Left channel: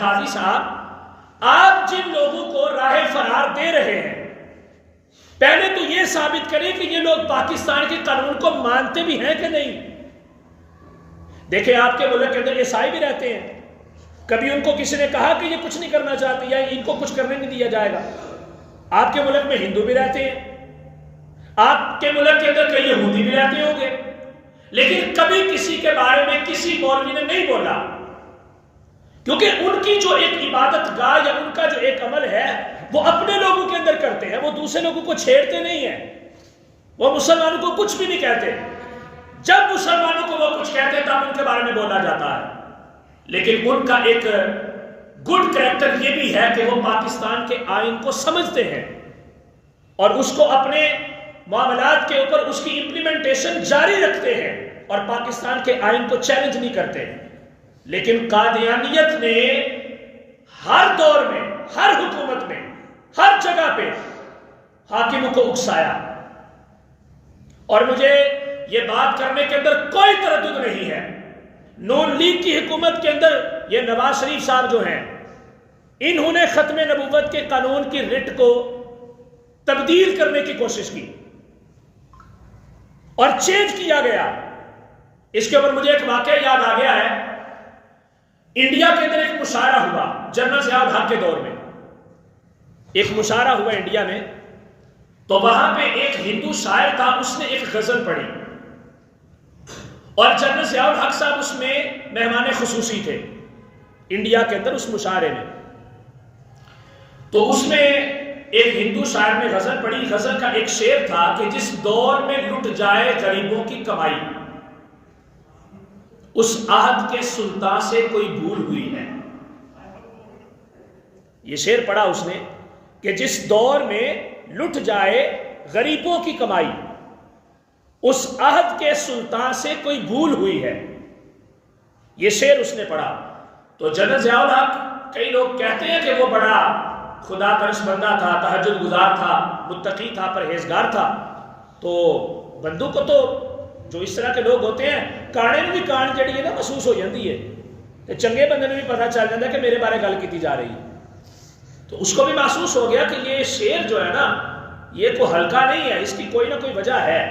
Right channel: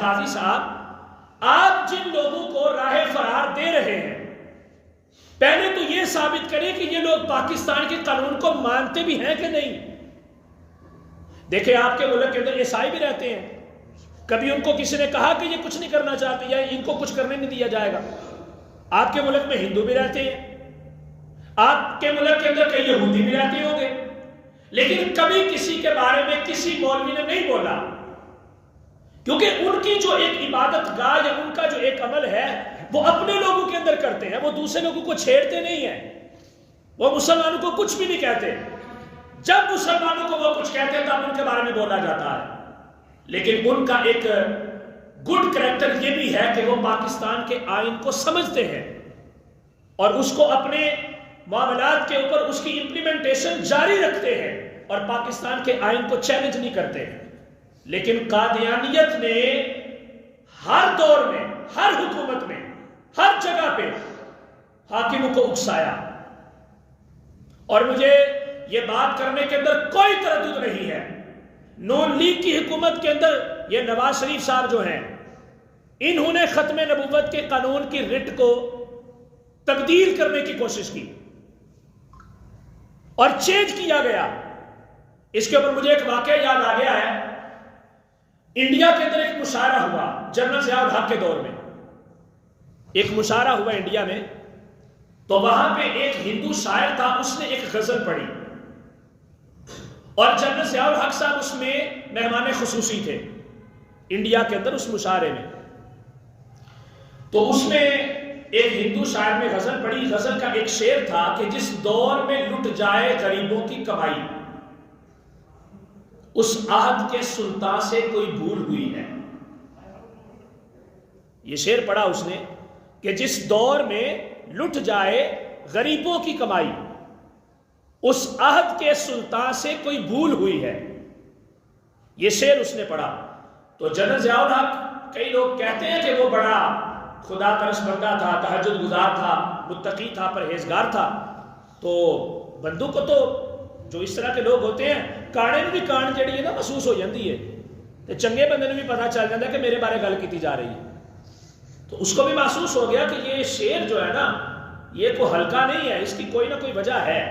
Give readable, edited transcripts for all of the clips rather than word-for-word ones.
قاضی صاحب، آپ جن لوگوں کو راہ فرار دے رہے ہیں، پہلے تو یہ ثابت کریں کہ یہ لوگ پاکستان کے قانون کو مانتے بھی ہیں کہ نہیں۔ دیکھیں، آپ کے ملک کے اندر عیسائی بھی رہتے ہیں، کبھی ان کو کسی نے کہا کہ یہ کچھ نہیں کرنا چاہتے یا ان کو کچھ کرنے نہیں دیا جائے گا؟ آپ کے ملک میں ہندو بھی رہتے ہیں، آپ کے ملک کے اندر کئی یہودی بھی رہتے ہوں گے، لیکن کبھی کسی کے بارے میں کسی مولوی نے نہیں بولا، کیونکہ ان کی جو ایک عبادت گاہ یا ان کا جو ایک عمل ہے وہ اپنے لوگوں کے اندر کرتے ہیں، وہ دوسرے لوگوں کو چھیڑتے نہیں ہیں، وہ مسلمانوں کو کچھ بھی نہیں کہتے۔ جب مسلمانوں کو وہ کچھ کہتے ہیں تب ان کے بارے میں بولا جاتا ہے، لیکن ان کا ایک گڈ کریکٹر یہ بھی ہے کہ وہ پاکستان کے آئین کو سمجھتے ہیں اور اس کو اپنے معاملات کے اوپر اس کی امپلیمنٹیشن جاری رکھتے ہیں اور پاکستان کے آئین کو چیلنج نہیں کرتے۔ لیکن قادیانیت نے ہر دور میں، ہر حکومت میں، ہر جگہ پہ حاکموں کو اکسایا، اور مجھے یہ بات کرنے کے اندر کوئی تردد نہیں ہے، نون لیگ کی حکومت کے اندر یہ نواز شریف صاحب جو ہیں، انہوں نے ختم نبوت کے قانون کی رٹ کو تبدیل کرنے کی کوشش کی اور چینج کیا گیا۔ اس کے اوپر مجھے ایک واقعہ یاد آ گیا ہے، انڈیا کے اندر ایک مشاعرہ ہوا جنرل ضیاء الحق کے دور میں، ایک مشاعرہ ہوا انڈیا میں، تو وہاں پہ ایک ہندو شاعر تھا، اس نے ایک غزل پڑھی اور جنرل ضیاء الحق صاحب اس میں مہمان خصوصی تھے انڈیا کے اندر اس مشاعرے میں۔ تو اس میں ایک ہندو شاعر نے غزل پڑھی، غزل کا ایک شعر تھا کہ جس دور میں لٹ جائے غریبوں کی کمائی، اس عہد کے سلطان سے کوئی بھول ہوئی ہے۔ یہ شعر پڑھا اس نے کہ جس دور میں لٹ جائے غریبوں کی کمائی، اس عہد کے سلطان سے کوئی بھول ہوئی ہے، یہ شعر اس نے پڑھا۔ تو جنرل ضیاء الحق، کئی لوگ کہتے ہیں کہ وہ بڑا خدا پرست بندہ تھا، تہجد گزار تھا، متقی تھا، پرہیزگار تھا، تو بندوں کو تو جو اس طرح کے لوگ ہوتے ہیں کانے میں بھی کان جڑی ہے نا محسوس ہو جاتی ہے، تو چنگے بندے نے بھی پتہ چل جاتا ہے کہ میرے بارے گل کی جا رہی ہے، تو اس کو بھی محسوس ہو گیا کہ یہ شعر جو ہے نا یہ کوئی ہلکا نہیں ہے، اس کی کوئی نہ کوئی وجہ ہے۔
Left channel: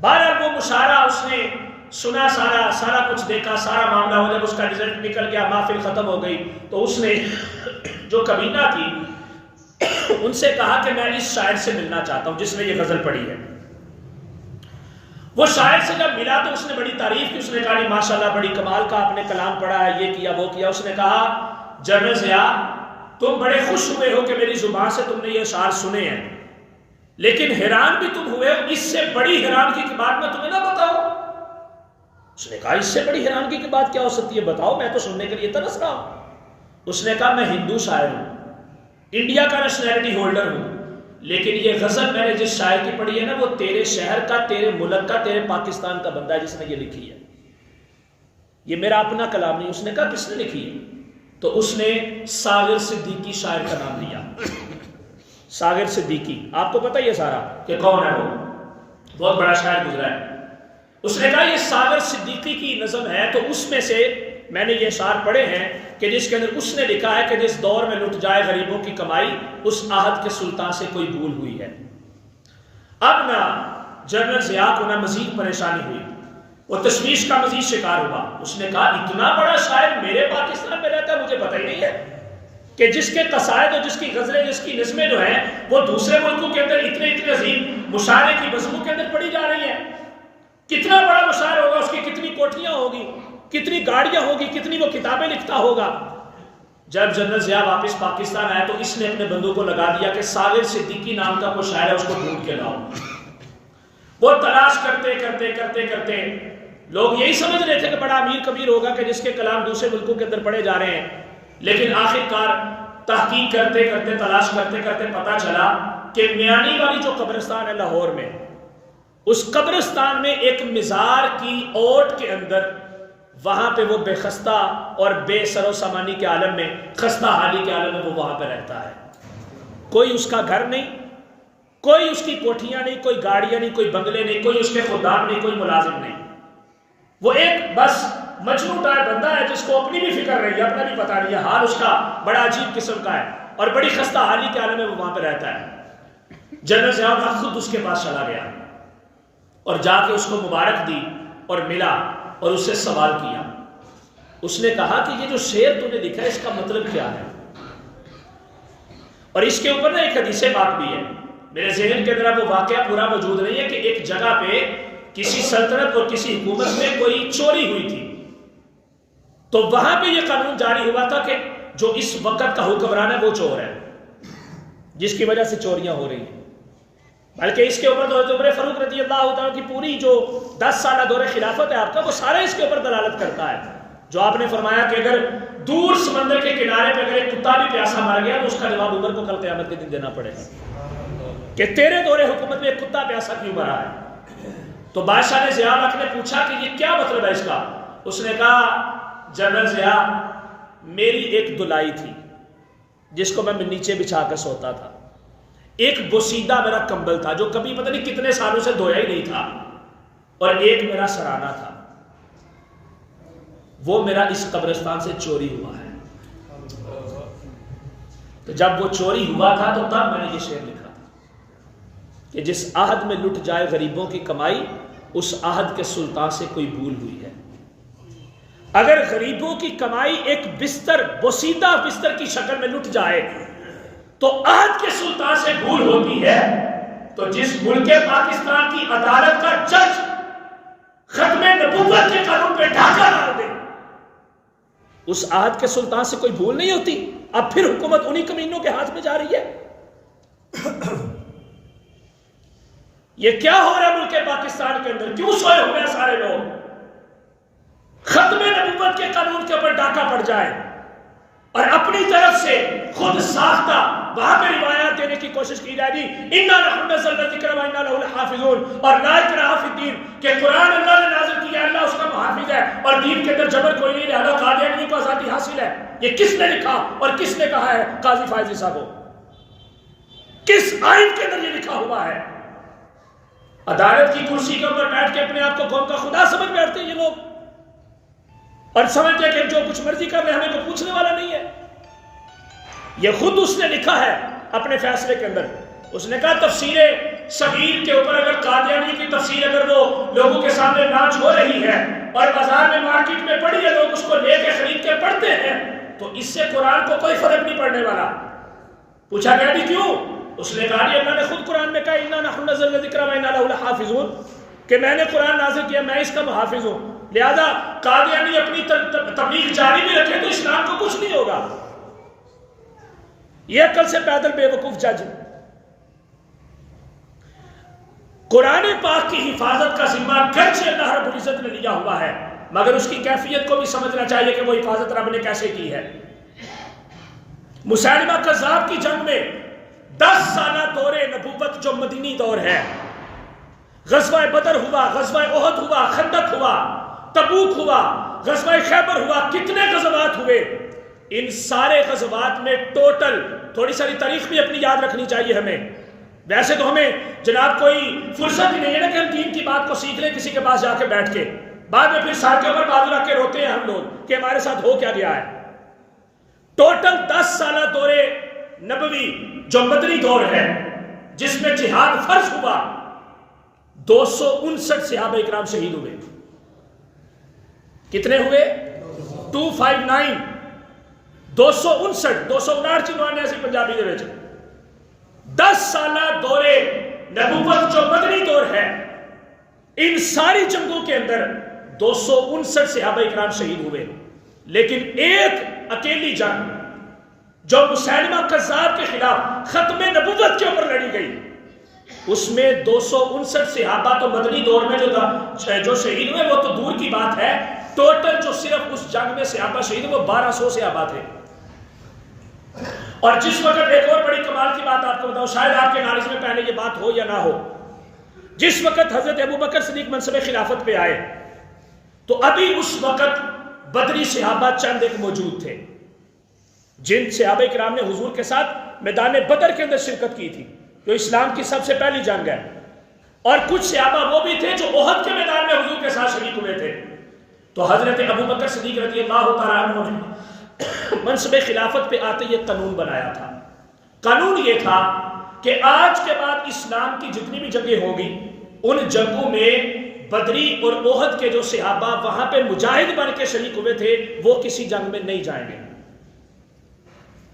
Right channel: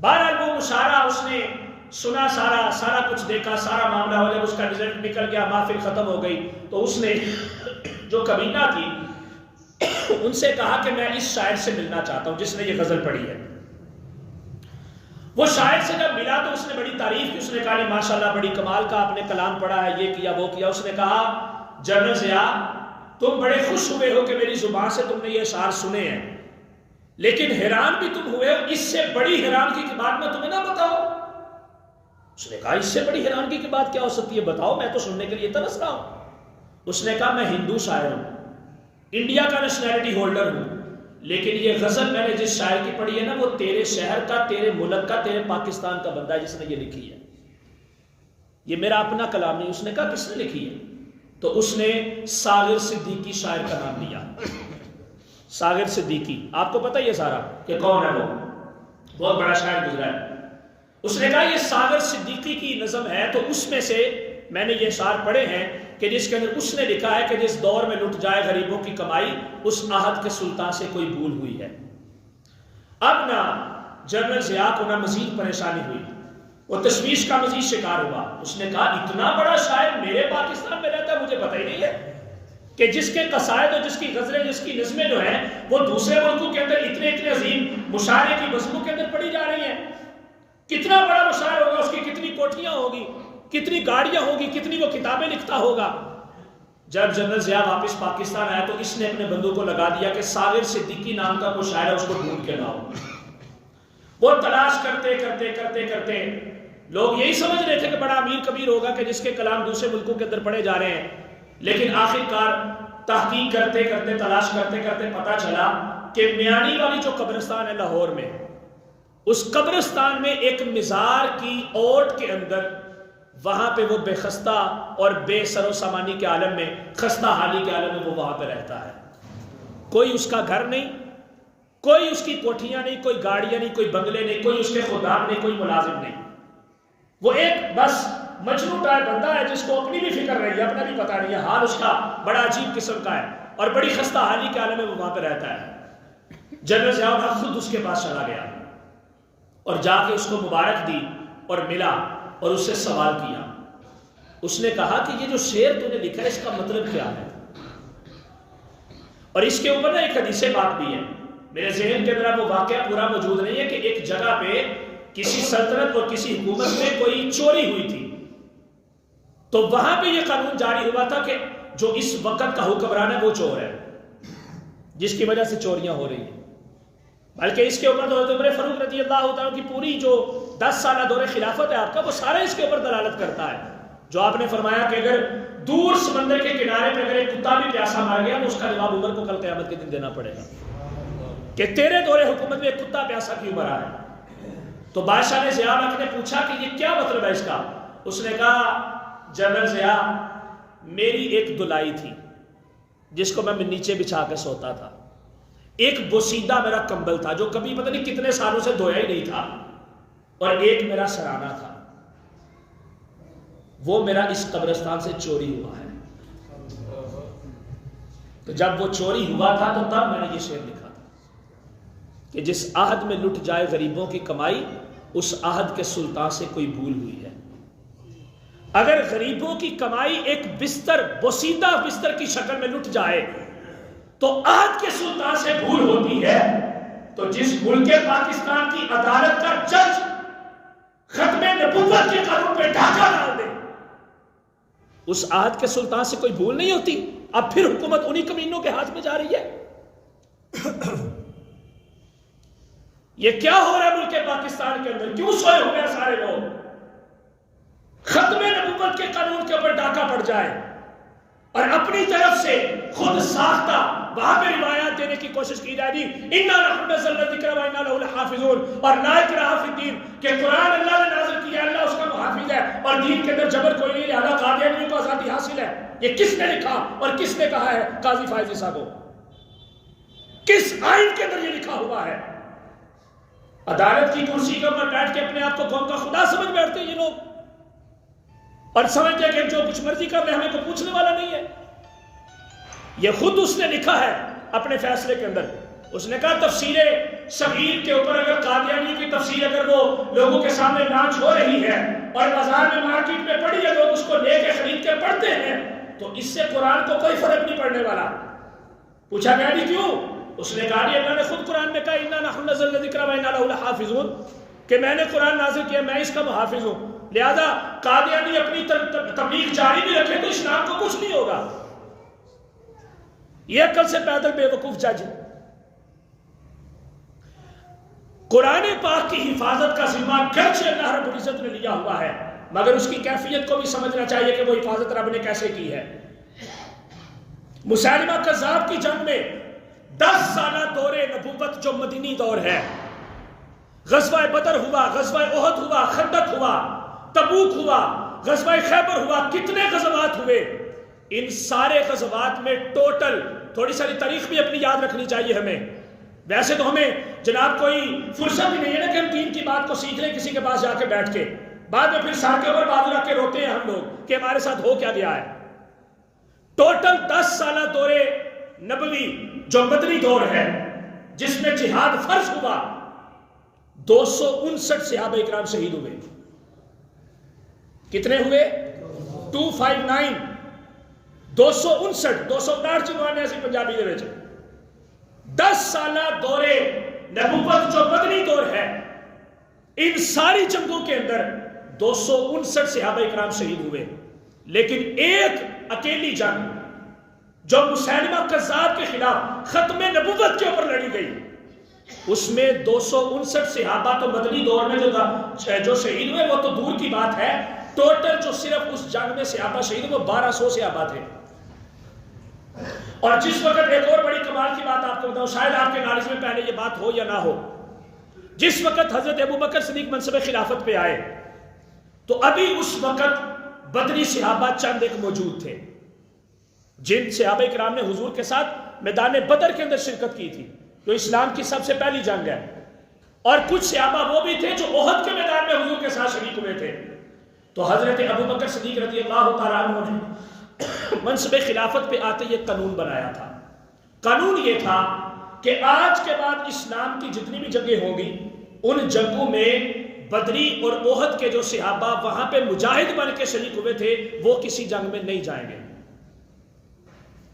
بہرحال وہ مشاعرہ اس نے سنا، سارا کچھ دیکھا، سارا معاملہ ہو، جب اس کا رزلٹ نکل گیا، محفل ختم ہو گئی، تو اس نے جو کمینہ تھی ان سے کہا کہ میں اس شاعر سے ملنا چاہتا ہوں جس نے یہ غزل پڑھی ہے۔ وہ شاعر سے جب ملا تو اس نے بڑی تعریف کی، اس نے کہا نہیں ماشاءاللہ بڑی کمال کا آپ نے کلام پڑھا ہے، یہ کیا وہ کیا۔ اس نے کہا جنرل ضیاء تم بڑے خوش ہوئے ہو کہ میری زبان سے تم نے یہ اشعار سنے ہیں، لیکن حیران بھی تم ہوئے ہو، اس سے بڑی حیرانگی کی بات میں تمہیں نہ بتاؤں؟ اس نے کہا اس سے بڑی حیرانگی کی بات کیا ہو سکتی ہے، بتاؤ، میں تو سننے کے لیے ترس رہا ہوں۔ اس نے کہا میں ہندو شاعر ہوں، انڈیا کا نیشنلٹی ہولڈر ہوں، لیکن یہ غزل میں نے جس شاعر کی پڑھی ہے نا وہ تیرے شہر کا، تیرے ملک کا، تیرے پاکستان کا بندہ ہے جس نے یہ لکھی ہے، یہ میرا اپنا کلام نہیں۔ اس نے کہا کس نے لکھی ہے؟ تو اس نے ساغر صدیقی شاعر کا نام لیا، ساغر صدیقی، آپ کو پتہ یہ سارا کہ کون ہے، وہ بہت بڑا شاعر گزرا ہے۔ اس نے کہا یہ ساغر صدیقی کی نظم ہے، تو اس میں سے میں نے یہ اشعار پڑھے ہیں کہ جس کے اندر اس نے لکھا ہے کہ جس دور میں لٹ جائے غریبوں کی کمائی، اس عہد کے سلطان سے کوئی بھول ہوئی ہے۔ اب نہ جنرل ضیاء کو نہ مزید پریشانی ہوئی، وہ تشویش کا مزید شکار ہوا۔ اس نے کہا اتنا بڑا شاعر میرے پاکستان میں رہتا ہے، مجھے پتہ ہی نہیں ہے کہ جس کے قصائد اور جس کی غزلیں، جس کی نظمیں جو ہیں وہ دوسرے ملکوں کے اندر اتنے عظیم مشاعرے کی بزموں کے اندر پڑھی جا رہی ہیں۔ کتنا بڑا مشاعر ہوگا، اس کی کتنی کوٹھیاں ہوگی، کتنی گاڑیاں ہوگی، کتنی وہ کتابیں لکھتا ہوگا۔ جب جنرل ضیاء واپس پاکستان آیا تو اس نے اپنے بندوں کو لگا دیا کہ ساغر صدیقی نام کا کوئی شاعر ہے، اس کو ڈھونڈ کے لاؤ۔ وہ تلاش کرتے لوگ یہی سمجھ رہے تھے کہ بڑا امیر کبیر ہوگا کہ جس کے کلام دوسرے ملکوں کے اندر پڑھے جا رہے ہیں، لیکن آخر کار تحقیق کرتے تلاش کرتے پتہ چلا کہ میانی والی جو قبرستان ہے لاہور میں، اس قبرستان میں ایک مزار کی اوٹ کے اندر، وہاں پہ وہ بے خستہ اور بے سر و سامانی کے عالم میں، خستہ حالی کے عالم میں وہ وہاں پہ رہتا ہے۔ کوئی اس کا گھر نہیں، کوئی اس کی کوٹھیاں نہیں، کوئی گاڑیاں نہیں، کوئی بنگلے نہیں، کوئی اس کے خدام نہیں، کوئی ملازم نہیں، وہ ایک بس مجنون ٹائپ بندہ ہے جس کو اپنی بھی فکر رہی ہے، اپنا بھی پتہ نہیں ہے، حال اس کا بڑا عجیب قسم کا ہے اور بڑی خستہ حالی کے عالم میں وہ وہاں پہ رہتا ہے۔ جنرل ضیاء الحق خود اس کے پاس چلا گیا اور جا کے اس کو مبارک دی اور ملا اور اس سے سوال کیا۔ اس نے کہا کہ یہ جو شعر تو نے لکھا ہے اس کا مطلب کیا ہے؟ اور اس کے اوپر نا ایک حدیث پاک بھی ہے، میرے ذہن کے اندر وہ واقعہ پورا موجود نہیں ہے، کہ ایک جگہ پہ کسی سلطنت اور کسی حکومت میں کوئی چوری ہوئی تھی، تو وہاں پہ یہ قانون جاری ہوا تھا کہ جو اس وقت کا حکمران ہے وہ چور ہے، جس کی وجہ سے چوریاں ہو رہی ہیں۔ بلکہ اس کے اوپر تو حضرت عمر فاروق رضی اللہ تعالیٰ کی پوری جو 10 سالہ دور خلافت ہے آپ کا، وہ سارا اس کے اوپر دلالت کرتا ہے، جو آپ نے فرمایا کہ اگر دور سمندر کے کنارے پہ اگر ایک کتا بھی پیاسا مر گیا تو اس کا جواب عمر کو کل قیامت کے دن دینا پڑے گا کہ تیرے دور حکومت میں ایک کتا پیاسا کیوں مرا ہے۔ تو بادشاہ نے ضیاء الحق نے پوچھا کہ یہ کیا مطلب ہے اس کا؟ اس نے کہا جنرل ضیاء، میری ایک دلائی تھی جس کو میں نیچے بچھا کے سوتا تھا، ایک بوسیدہ میرا کمبل تھا جو کبھی پتہ نہیں کتنے سالوں سے دھویا ہی نہیں تھا، اور ایک میرا سرانہ تھا، وہ میرا اس قبرستان سے چوری ہوا ہے۔ تو جب وہ چوری ہوا تھا تو تب میں نے یہ شعر لکھا تھا کہ جس عہد میں لٹ جائے غریبوں کی کمائی، اس عہد کے سلطان سے کوئی بھول ہوئی ہے۔ اگر غریبوں کی کمائی ایک بستر، بوسیدہ بستر کی شکل میں لٹ جائے تو عہد کے سلطان سے بھول ہوتی ہے، تو جس ملک پاکستان کی عدالت کا جج ختم نبوت کے قانون پہ ڈھاکہ ڈال دے، اس عہد کے سلطان سے کوئی بھول نہیں ہوتی۔ اب پھر حکومت انہی کمینوں کے ہاتھ میں جا رہی ہے۔ یہ کیا ہو رہا ہے ملک پاکستان کے اندر؟ کیوں سوئے ہوئے ہیں سارے لوگ؟ ختم نبوت کے قانون کے اوپر ڈاکہ پڑ جائے اور اپنی طرف سے خود ساختہ وہاں پہ روایات دینے کی کوشش کی جائے گی، اِنَّا نَحْنُ نَزَّلْنَا الذِّكْرَ وَإِنَّا لَهُ لَحَافِظُونَ، اور لا اکراہ فی الدین کہ قرآن اللہ نے نازل کیا ہے، اللہ اس کا محافظ ہے، اور دین کے اندر جبر کوئی نہیں، لہذا قادیانیوں کو آزادی حاصل ہے۔ یہ کس نے لکھا اور کس نے کہا ہے؟ قاضی فائز عیسیٰ کو۔ کس آئین کے اندر یہ لکھا ہوا ہے؟ عدالت کی کرسی کے اوپر بیٹھ کے اپنے آپ کو قوم کا خدا سمجھ بیٹھتے ہیں یہ لوگ، اور سمجھتے ہیں کہ جو کچھ مرضی کر لیں ہمیں کوئی پوچھنے والا نہیں ہے۔ یہ خود اس نے لکھا ہے اپنے فیصلے کے اندر، اس نے کہا تفسیر صغیر کے اوپر اگر قادیانی کی تفسیر اگر وہ لوگوں کے سامنے لانچ ہو رہی ہے اور بازار میں مارکیٹ میں پڑی ہے، لوگ اس کو لے کے خرید کے پڑھتے ہیں، تو اس سے قرآن کو کوئی فرق نہیں پڑنے والا۔ پوچھا گیا جی کیوں؟ اس نے کہا جی اللہ نے خود قرآن میں کہا اِنَّا نَحْنُ نَزَّلْنَا الذِّكْرَ وَإِنَّا لَهُ لَحَافِظُونَ، کہ میں نے قرآن نازل کیا، میں اس کا محافظ ہوں، لہذا قادیانی اپنی تبلیغ جاری بھی رکھے تو اسلام کو کچھ نہیں ہوگا۔ یہ عقل سے پیدل بے وقوف جج۔ قرآن پاک کی حفاظت کا ذمہ گرچہ اللہ رب العزت نے لیا ہوا ہے، مگر اس کی کیفیت کو بھی سمجھنا چاہیے کہ وہ حفاظت رب نے کیسے کی ہے۔ مسیلمہ کذاب کی جنگ میں 10 سالہ دور نبوت جو مدینی دور ہے، غزوہ بدر ہوا، غزوہ احد ہوا، خندق ہوا، تبوک ہوا، غزوہ خیبر ہوا، کتنے غزوات ہوئے؟ ان سارے غزوات میں ٹوٹل، تھوڑی ساری تاریخ بھی اپنی یاد رکھنی چاہیے ہمیں، ویسے تو ہمیں جناب کوئی فرصت ہی نہیں ہے نا کہ ہم دین کی بات کو سیکھ لیں کسی کے پاس جا کے بیٹھ کے، بعد میں پھر سر کے اوپر بازو رکھ کے روتے ہیں ہم لوگ کہ ہمارے ساتھ ہو کیا گیا ہے۔ ٹوٹل 10 سالہ دور نبوی جو مدنی دور ہے، جس میں جہاد فرض ہوا، 259 صحابہ اکرام شہید ہوئے۔ کتنے ہوئے؟ 259، 259، 259 چنوانے ایسی پنجابی دے وچ۔ 10 سالہ دور نبوت جو مدنی دور ہے، ان ساری جنگوں کے اندر 259 صحابہ اکرام شہید ہوئے، لیکن ایک اکیلی جنگ جو مسیلمہ کذاب کے خلاف ختم نبوت کے اوپر لڑی گئی، اس میں 259 صحابہ تو مدنی دور میں جو شہید ہوئے وہ تو دور کی بات ہے، ٹوٹل جو صرف اس جنگ میں صحابہ شہید ہوئے وہ 1200 صحابہ تھے۔ اور جس وقت ایک اور بڑی کمال کی بات آپ کو بتاؤں، شاید آپ کے نالج میں پہلے یہ بات ہو یا نہ ہو، جس وقت حضرت ابوبکر صدیق منصب خلافت پہ آئے تو ابھی اس وقت بدری صحابہ چند ایک موجود تھے، جن صحابہ کرام نے حضور کے ساتھ میدان بدر کے اندر شرکت کی تھی، جو اسلام کی سب سے پہلی جنگ ہے، اور کچھ صحابہ وہ بھی تھے جو احد کے میدان میں حضور کے ساتھ شریک ہوئے تھے۔ تو حضرت ابو بکر صدیق رضی اللہ تعالیٰ عنہ نے منصب خلافت پہ آتے یہ قانون بنایا تھا. قانون یہ تھا کہ آج کے بعد اسلام کی جتنی بھی جنگیں ہوں گی ان جنگوں میں بدری اور احد کے جو صحابہ وہاں پہ مجاہد بن کے شریک ہوئے تھے وہ کسی جنگ میں نہیں جائیں گے.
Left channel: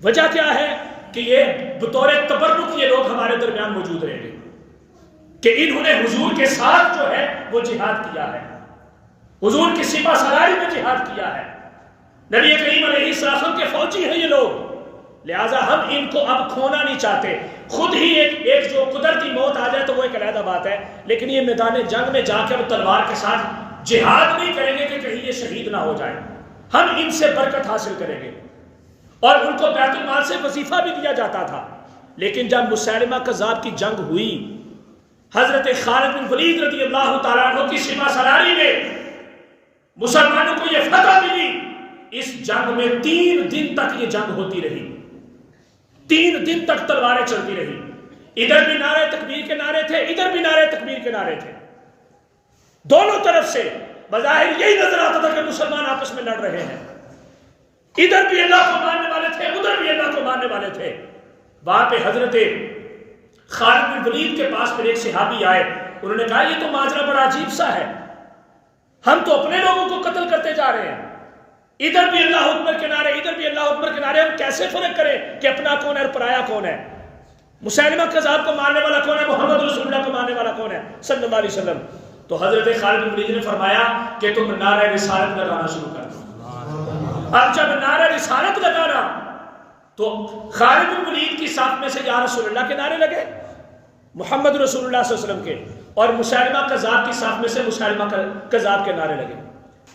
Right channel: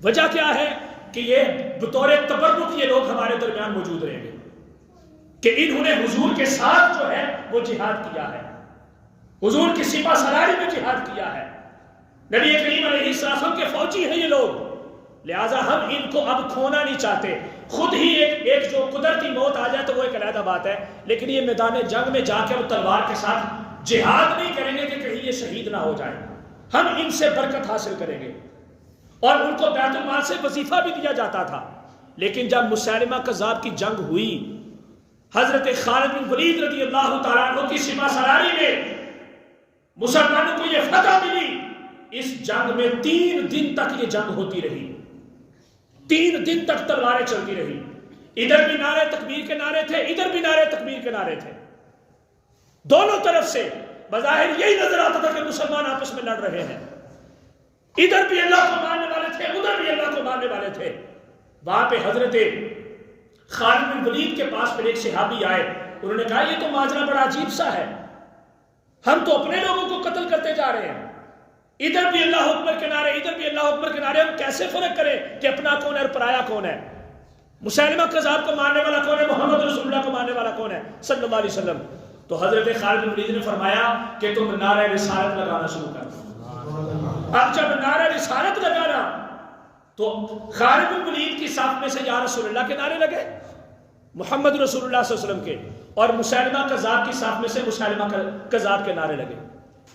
وجہ کیا ہے کہ یہ بطور تبرک یہ لوگ ہمارے درمیان موجود رہیں گے کہ انہوں نے حضور کے ساتھ جو ہے وہ جہاد کیا ہے، حضور کی سپہ سالاری میں جہاد کیا ہے، نبی کریم علیہ السلام کے فوجی ہیں یہ لوگ، لہٰذا ہم ان کو اب کھونا نہیں چاہتے. خود ہی ایک جو قدرتی موت آ جائے تو وہ ایک علیحدہ بات ہے، لیکن یہ میدان جنگ میں جا کے اب تلوار کے ساتھ جہاد نہیں کریں گے کہ کہیں یہ شہید نہ ہو جائے. ہم ان سے برکت حاصل کریں گے. اور ان کو بیت المال سے وظیفہ بھی دیا جاتا تھا. لیکن جب مسیلمہ کذاب کی جنگ ہوئی، حضرت خالد بن ولید رضی اللہ تعالیٰ عنہ کی سپہ سالاری میں مسلمانوں کو یہ فتح ملی. اس جنگ میں 3 دن تک یہ جنگ ہوتی رہی، 3 دن تک تلواریں چلتی رہی. ادھر بھی نعرے تکبیر کے نعرے تھے، ادھر بھی نعرے تکبیر کے نعرے تھے. دونوں طرف سے بظاہر یہی نظر آتا تھا کہ مسلمان آپس میں لڑ رہے ہیں. ادھر بھی اللہ کو ماننے والے تھے، ادھر بھی اللہ کو ماننے والے تھے. وہاں پہ حضرت خالد بن ولید کے پاس پھر ایک صحابی آئے. انہوں نے کہا یہ تو ماجرا بڑا عجیب سا ہے، ہم تو اپنے لوگوں کو قتل کرتے جا رہے ہیں، ادھر بھی اللہ اکبر کے نعرے، ادھر بھی اللہ اکبر کے نعرے، ہم کیسے فرق کریں کہ اپنا کون ہے اور پرایا کون ہے؟ مسیلمہ کذاب کو ماننے والا کون ہے، محمد رسول اللہ کو ماننے والا کون ہے صلی اللہ علیہ وسلم. تو حضرت خالد بن ولید نے فرمایا کہ تم نعرہ رسالت لگانا شروع کر دو. اب جب نعرہ رسالت لگانا تو خالد بن ولید کی صف میں سے یا رسول اللہ کے نعرے لگے، محمد رسول اللہ صلی اللہ علیہ وسلم کے، اور مسیلمہ کذاب کی صف میں سے مسیلمہ کذاب کے نعرے لگے.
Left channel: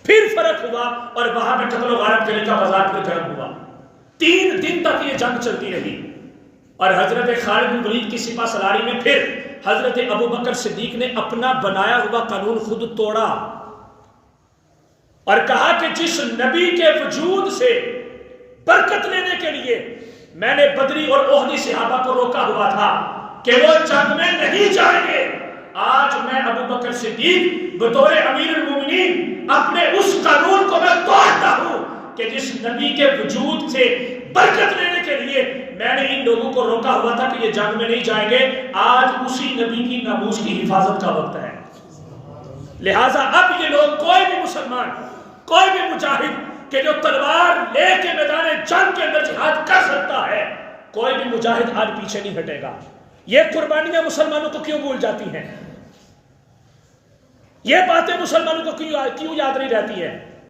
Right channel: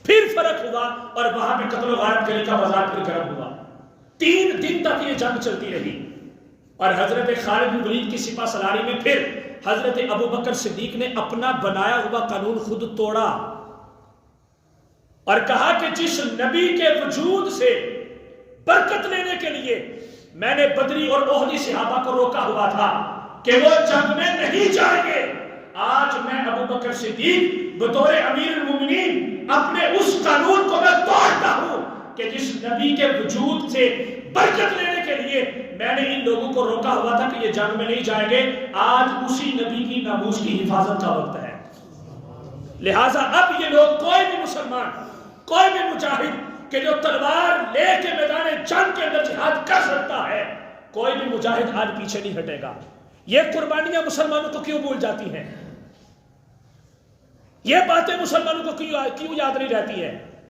پھر فرق ہوا اور وہاں پہ قتل و غارت کرنے کا بازار پھر گرم ہوا. 3 دن تک یہ جنگ چلتی رہی. اور حضرت خالد بن ولید کی سپہ سالاری میں پھر حضرت ابو بکر صدیق نے اپنا بنایا ہوا قانون خود توڑا اور کہا کہ جس نبی کے وجود سے برکت لینے کے لیے میں نے بدری اور احدی صحابہ کو روکا ہوا تھا کہ وہ جنگ میں نہیں جائیں گے، آج میں ابو بکر صدیق بطور امیر المومنین اپنے اس قانون کو میں توڑتا ہوں کہ جس نبی کے وجود سے برکت لینے کے لیے میں نے ان لوگوں کو روکا ہوا تھا کہ یہ جنگ میں نہیں جائیں گے. آج اسی نبی کی ناموس کی حفاظت کا وقت ہے. لہٰذا اب یہ لوگ، کوئی بھی مسلمان، کوئی بھی مجاہد کہ جو تلوار لے کے میدان جنگ کے اندر جہاد کر سکتا ہے، کوئی بھی مجاہد آج پیچھے نہیں ہٹے گا. یہ قربانیاں مسلمانوں کو کیوں بھول جاتی ہیں؟ یہ باتیں مسلمانوں کو کیوں یاد نہیں رہتی ہیں؟